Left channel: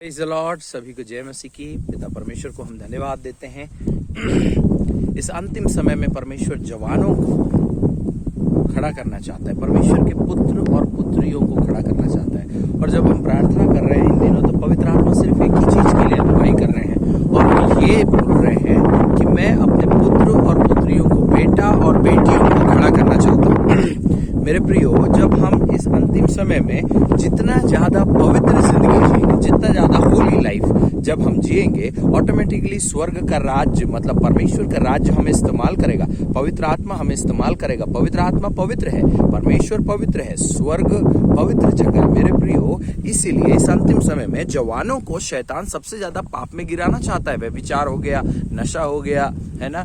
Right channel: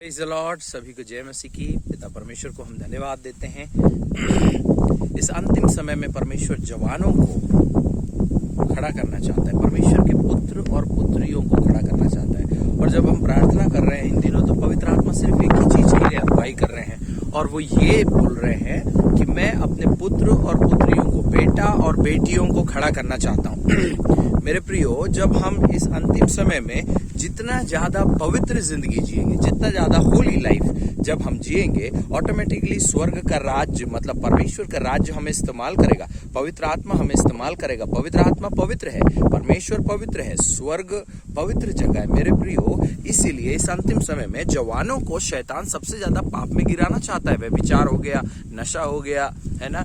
Praise the Lord. सभी को जय मसीह की। पिता परमेश्वर को हम धन्यवाद देते हैं। इस अंतिम समय में परमेश्वर जवानों को खड़ा करना चाहता है, परमेश्वर के पुत्र और पुत्रियों को खड़ा करना चाहता है। और जब हम प्रार्थना कर रहे हैं इन दिनों, तो पवित्र आत्मा सिर्फ एक ही चीज के लिए अगुवाई कर रहे हैं, और वो ये बोल रहे हैं कि मैं अपने पुत्र और पुत्रियों को, बेटा और बेटियों को खड़ा करना चाहता हूँ। मेरे प्रियो, जब हम इस अंतिम समय में जितना ज्यादा पवित्र जिंदगी जिएंगे, जितना ज्यादा होली लाइफ जब हम जिएंगे, ऑटोमेटिकली स्वर्ग का राज्य, मतलब परमेश्वर का राज्य हमें इस्तेमाल करेगा, पवित्र आत्मा हमें इस्तेमाल करेगा। पवित्र आत्मा पवित्र है, परमेश्वर पवित्र है, स्वर्ग पवित्र जगह है मेरे प्रियो। इसीलिए इस अंतिम समय में जवानों को शैतान सबसे ज्यादा पाप में गिराना चाहता है। व्यभिचार हो गया, नशा हो गया, है ना,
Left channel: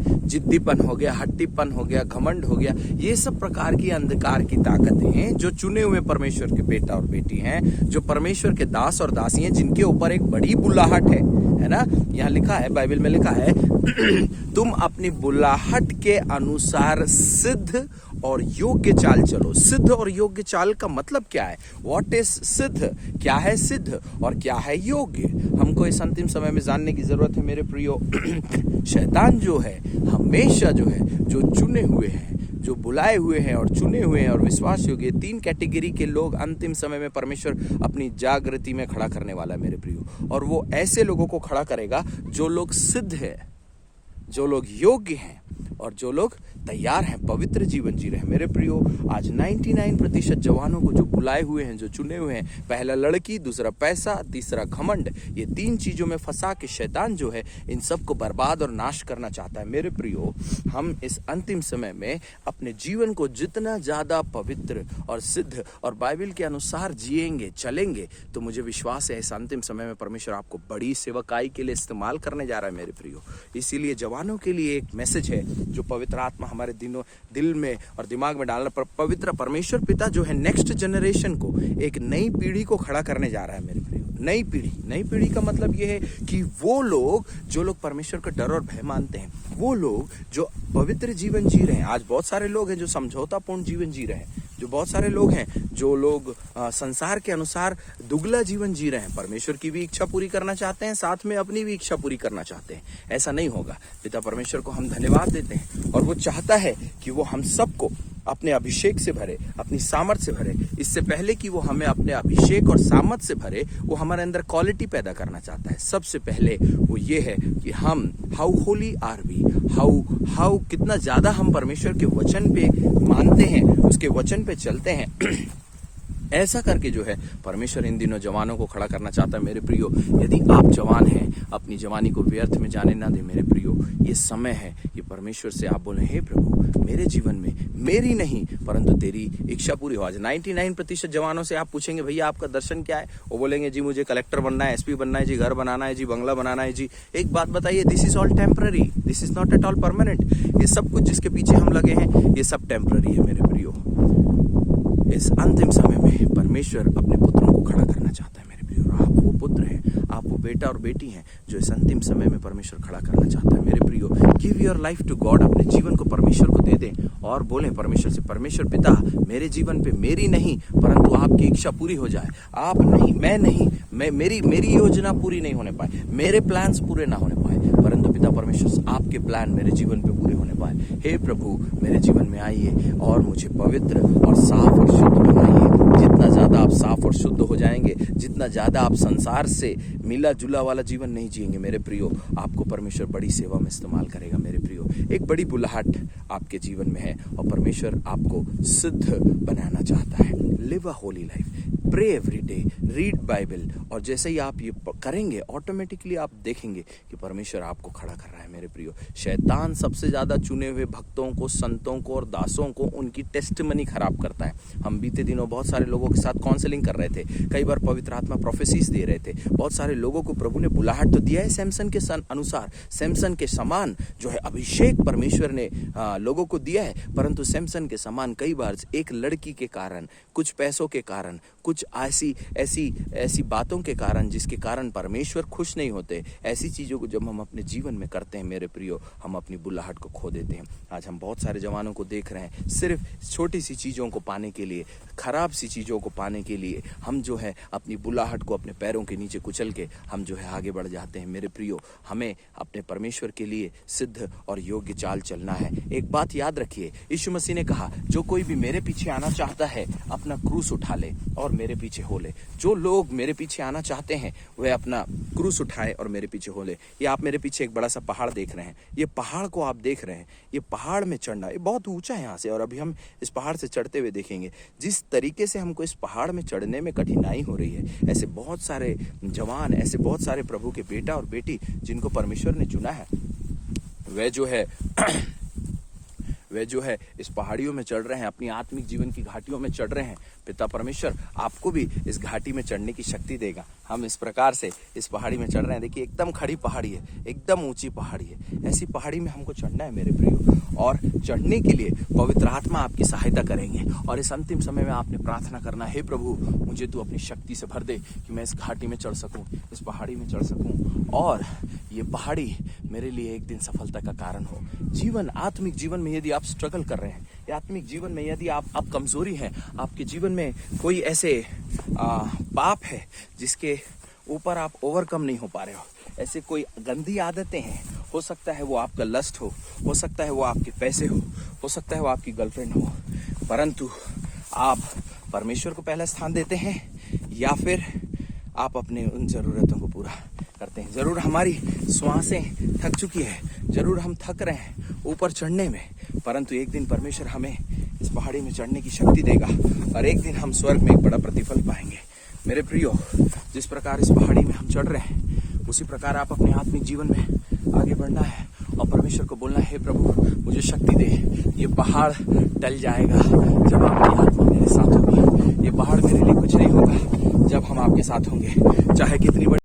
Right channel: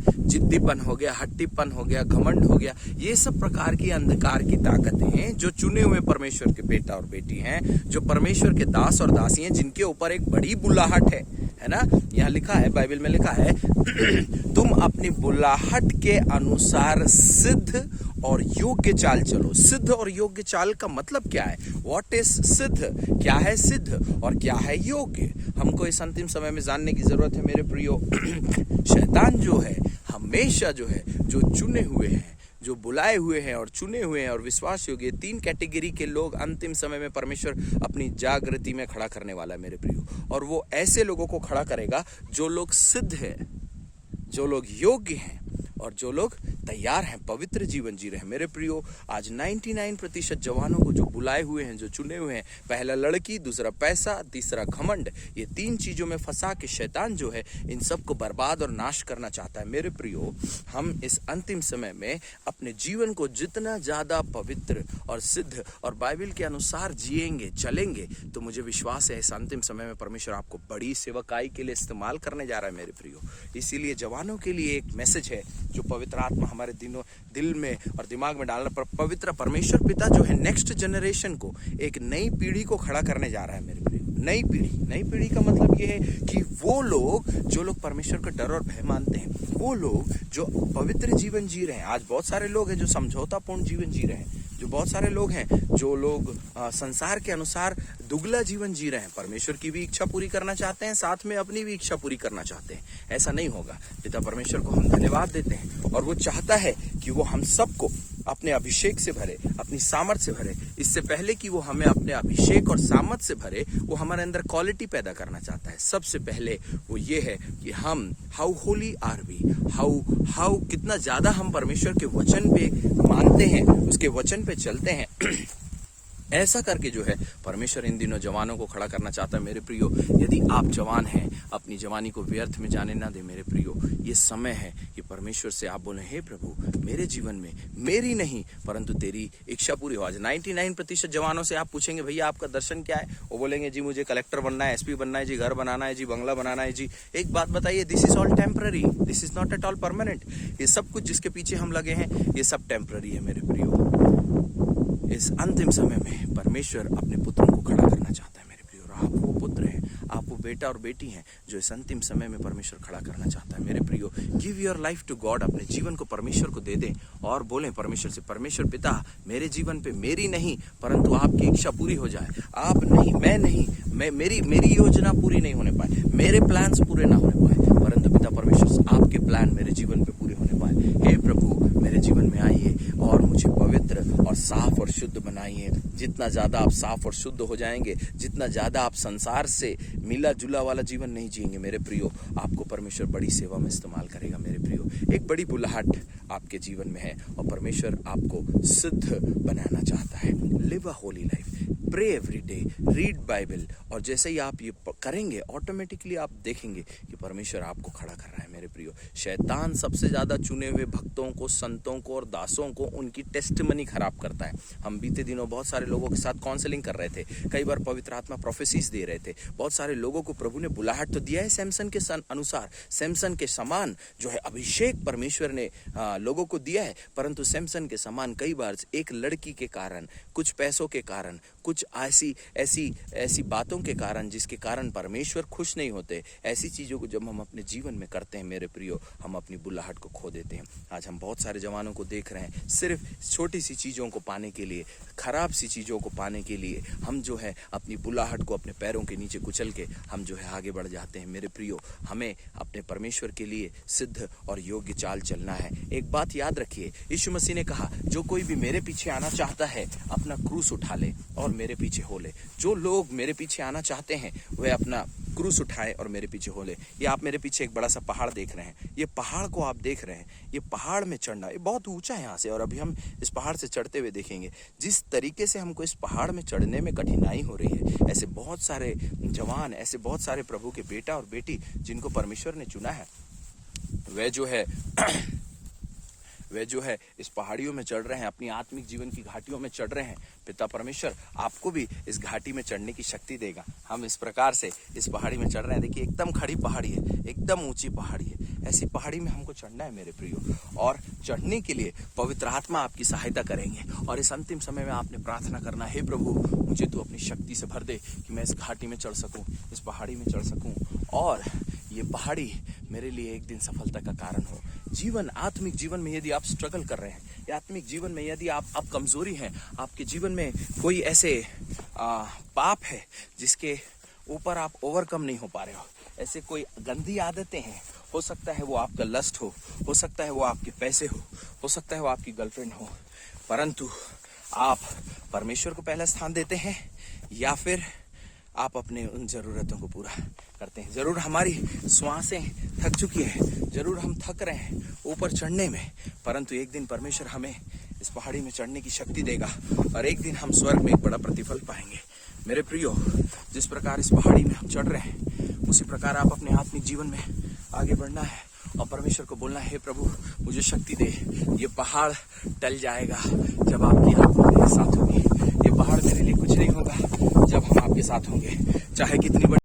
जिद्दीपन हो गया, हट्टीपन हो गया, घमंड हो गया, ये सब प्रकार की अंधकार की ताकतें हैं जो चुने हुए परमेश्वर के बेटा और बेटी हैं, जो परमेश्वर के दास और दासी हैं, जिनके ऊपर एक बड़ी बुलाहट है ना। यहाँ लिखा है, बाइबल में लिखा है, तुम अपनी बुलाहट के अनुसार सिद्ध और योग्य चाल चलो। सिद्ध और योग्य चाल का मतलब क्या है? व्हाट इज सिद्ध? क्या है सिद्ध और क्या है योग्य? हमको इस अंतिम समय में जानने की जरूरत है मेरे प्रियो। शैतान जो है, हमेशा जो है, जो चुने हुए हैं, जो बुलाए हुए हैं और चुने हुए हैं और विश्वास योग्य, तीन कैटेगरी के लोग अंतिम समय में परमेश्वर अपनी जागृति में खड़ा करने वाला है मेरे प्रियो। और वो ऐसे लोगों को खड़ा करेगा जो लोग सिद्ध है, जो लोग योग्य हैं और जो लोग तैयार हैं पवित्र जीवन जी रहे हैं मेरे प्रियो। आज 99% जवानों को जो बुलाए हुए हैं, जो चुने हुए हैं, पहला लड़की, दूसरा पैसा, तीसरा घमंड, ये तीन चीजों में फंसा के शैतान जो है इन सबको बर्बाद और नाश करना चाहता है मेरे प्रियो। हम इस अंतिम समय में अपने जीवन को जितना ज्यादा पवित्र और सिद्ध और बाइबल के अनुसार जिएंगे, चलेंगे, तो मुझे विश्वास है इस अंतिम समय में परमेश्वर आपको बड़ी सेवकाई के लिए इस्तेमाल करने जा रहा है मेरे प्रियो। इसीलिए जवानों के लिए एक मैसेज है जो पवित्र आत्मा हमारे दिल में और दिमाग में डालना, पर पवित्र परमेश्वर पिता जो है नेक्स्ट जनरेशन को, एक नई पीढ़ी को खड़ा करने जा रहा है मेरे प्रियो। नई पीढ़ी का मतलब ये है कि वो लोग जो लोग परमेश्वर का डर और भय मानते हैं, वो लोग जो पवित्र जीवन जी रहे हैं। आज बहुत सारे लोग हैं जो समझौतापूर्ण जीवन जी रहे हैं, जो बहुत सारे लोग हैं जो लोग संसार के अनुसार दुगला जीवन जी रहे हैं। परमेश्वर की भी इच्छा पूरी करना चाहते हैं, साथ में अपनी भी इच्छा पूरी करना चाहते हैं। ऐसा नहीं होगा। पिता परमेश्वर को हम धन्यवाद देते हैं, और वो चाहता है कि वो हम सबको अपने अभिषेक से भरे, अपनी सामर्थ से भरे। इससे पहले कि वो हमें अपने अभिषेक और सामर्थ से भरे, वो हमारे अंदर क्वालिटी पैदा करना चाहता है। सबसे पहले वो ये है कि हम how holy are we, how कितना ज्यादा हम परमेश्वर के वचन पे मानते हैं, उसके वचन पे चलते हैं। ऐसा करके जो है परमेश्वर इन दिनों जवानों को खड़ा करना चाहता है मेरे प्रियो। यदि आप जवान हैं, अपनी जवानी को व्यर्थ में जाने ना दे मेरे प्रियो। ये समय है कि परमेश्वर से आप बोले, हे प्रभु, मेरे जीवन में मेरी नहीं परंतु तेरी इच्छा पूरी हो। आज 99% जवानों से आप पूछेंगे, भैया आपका दर्शन क्या है? वो बोलेंगे, जी मुझे कलेक्टर बनना है, एसपी बनना है, जी घर बनाना है, जी बंगला बनाना है। जी एक बात बताइए, this is all temporary, this is not at all permanent. ये सब कुछ जिसके पीछे हम लगे हैं, ये सब टेम्पररी है मेरे प्रियो। इस अंतिम समय में परमेश्वर अपने पुत्रों को खड़ा करना चाहता है मेरे प्रियो। आप वो पुत्र हैं, आप वो बेटा और बेटी हैं जो इस अंतिम समय में परमेश्वर खड़ा करना चाहता है मेरे प्रियो। Give your life to God. अपने जीवन को परमेश्वर को दे दें और बोलें परमेश्वर से, परमेश्वर पिता, मेरे जीवन पे मेरी नहीं परंतु आपकी इच्छा पूरी हो जाए। आप नहीं, मैं नहीं, मेरी योजना पूरी नहीं होने पाए, मेरे प्लान्स पूरे ना होने पाए, परंतु पिता परमेश्वर आपके प्लान मेरे जीवन पे पूरे होने पाए। हे प्रभु, मेरे जीवन में आइए और मुझे पवित्र और साफ और शुद्ध बनाइए। जितना ज्यादा आप साफ और शुद्ध हो जाएंगे, जितना ज्यादा आप संसार से मिला जुला वाला जीवन नहीं जिएंगे मेरे प्रियो, आपको परमेश्वर बड़ी सेवा में इस्तेमाल करेगा मेरे प्रियो। एक बड़ी बुलाहट आपके जीवन में है और परमेश्वर आपको सिद्ध बनाना चाहता है। Live a holy life, pray every day, read Bible, और जैसे ही आप ये करेंगे, ऑटोमेटिकली आप देखेंगे कि परमेश्वर आपको खड़ा कर रहा है मेरे प्रियो। शैतान सबसे ज्यादा चुने हुए भक्तों को, संतों को और दासों को उनकी टेस्टमनी खराब करता है। हम बीते दिनों बहुत सारे लोगों के साथ काउंसलिंग कर रहे थे, कई बार पवित्र आत्मा प्रोफेसीज दे रहे थे। बहुत सारे लोगों को प्रभु ने बुलाहट तो दिया है सैमसन के अनुसार, सैमसन के समान जो है अभिषेक परमेश्वर ने लोगों को दिया है, परंतु सैमसन के समान कई बार एक लड़की के कारण, कुछ पैसों के कारण, कुछ ऐसी बातों के कारण जिसके कारण परमेश्वर खुश नहीं होते, ऐसी चीजों को जब हम अपने जीवन में करते हैं मेरे प्रियो, हम अपनी बुलाहट को खो देते हैं। आज हम बहुत सारे जवानों को देख रहे हैं, सिर्फ छोटी सी चीजों को पाने के लिए, खराब सी चीज़ों को पाने के लिए हम जो है अपनी बुलाहट को अपने पैरों के नीचे कुचल के हम जो है आगे बढ़ जाते हैं। मेरे प्रियो, हमें अपने परमेश्वर के लिए सिद्ध और योग्य चाल चलना है। एक बात याद रखिए, यीशु मसीह ने कहा, जो कोई भी मेरे पीछे आना चाहता है अपना क्रूस उठा ले और मेरे पीछे हो ले। जो लोग मेरे पीछे आना चाहते हैं वे अपना क्रूस उठाए और मेरे पीछे हो ले। ये आप मेरे पीछे एक बड़ा सा पहाड़ देख रहे हैं, ये पहाड़ को आप देख रहे हैं, ये पहाड़ में चढ़ना, ये बहुत ऊंचा है यहाँ से, और अभी हम इस पहाड़ से चढ़ते हुए देखेंगे। जिस तरीके से हमको इस पहाड़ में चढ़ने में कठिनाई हो रही है, ऐसे बहुत सारे जवान, ऐसे बहुत सारे प्रभु के बेटा और बेटी जिनको परमेश्वर ने चुना है, वे जो है इस पहाड़ियों में चढ़ रहे हैं, अपनी आत्मिक जीवन की घाटियों में चढ़ रहे हैं। पिता परमेश्वर आपको भी इस घाटी में चढ़ने की शक्ति देगा। हम इस प्रकार से इस पहाड़ी में चढ़ रहे हैं। देखिए, एकदम खड़ी पहाड़ी है, एकदम ऊंची पहाड़ी है। ऐसी पहाड़ी में हमको चढ़ना है मेरे प्रियो, और चढ़ने के लिए पवित्र आत्मा आपकी सहायता करेंगे। और इस अंतिम समय में आपने प्रार्थना करना, हे प्रभु, मुझे तू अपनी शक्ति से भर दे कि मैं इस घाटी में चढ़ सकूं, इस पहाड़ी में चढ़ सकूं, और ये पहाड़ी मेरे लिए एक दिन सफलता का कारण हो। जीवन, आत्मिक जीवन में यदि आप स्ट्रगल कर रहे हैं, या आत्मिक जीवन में यदि आप कमजोरी हैं, आपके जीवन में कोई ऐसे पाप है जिसके ऊपर आप ओवरकम नहीं हो पा रहे हो, ऐसे कोई गंदी आदतें हैं, हो सकता है वो आपका लस्ट हो सकता है वो आपके पैसे हो सकता है वो आपकी गर्लफ्रेंड हो, परंतु आप परमेश्वर को पहला स्थान देते हैं, या फिर आप अपने उन जरूरतों को पूरा करते हैं। जरूर हमारी श्वासें थक चुकी हैं, जरूर हम थक रहे हैं ऊपर चढ़ने में, परंतु एक दिन परमेश्वर हमें इस पहाड़ी में चढ़ने की शक्ति देगा, और एक दिन हम स्वर्ग में एक बड़ा प्रतिफल पाएंगे। मेरे प्रियो, जिस प्रकार इस पहाड़ी में हम चढ़ रहे हैं, उसी प्रकार आप अपने आत्मिक जीवन में आगे बढ़ना है और परमेश्वर को बोलना है, हे प्रभु, मुझे शक्ति दे। ये पहाड़ टल जाएगा जब आपकी आत्मा मेरे साथ होगी। ये पहाड़ मेरे लिए कुछ नहीं होगा जब हम आपके साथ होंगे, चाहे कितनी